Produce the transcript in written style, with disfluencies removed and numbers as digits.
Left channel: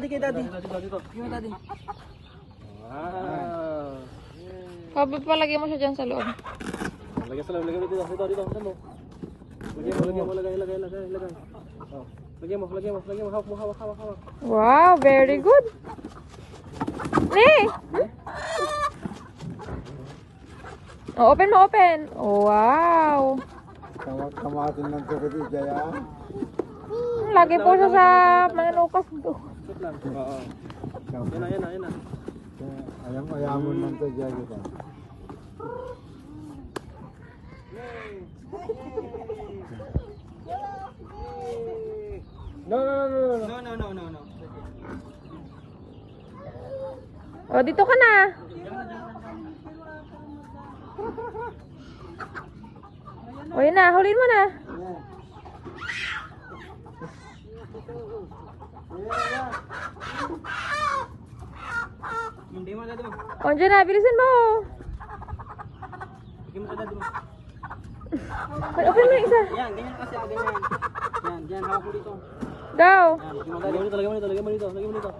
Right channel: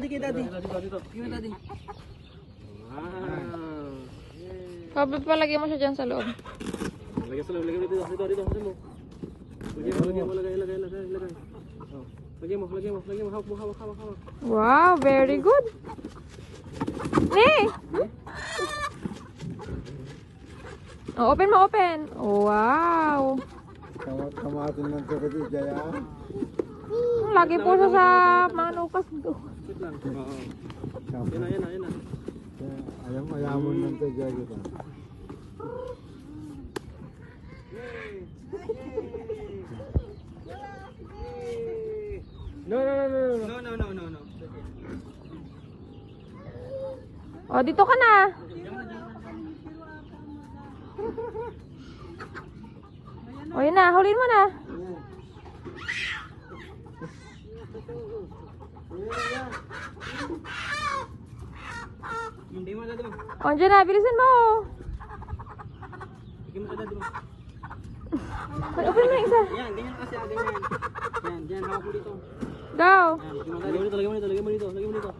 daddy, kay daddy. Dito. Yung daddy. Wow. Sabi pa, lagay mo siya dyan sa loob. Lagay sa loob, lagay mo dito. Dito. Lagay mo, lagay. Oh. Lagay mo. Hawak. Wow, very good. Nee! Oh, open mo, open. Wow. Kamatin ng tukit Jaya. Lagi po siya sa mga nukas ko. Wait lang. Oo. Yan na. Ayam-ayamon ng to Jaya kita. No. Oh, dito ka na. O, yun na. Hulin mo na. Hindi mo daddy mo. O, dyan na. Bilisan mo. Lagay mo sa daddy mo. Open mo yung isa. Yan, ganyan kasi ganyan. Yan, hawak mo dito. Go. Yan, lagay mo dito.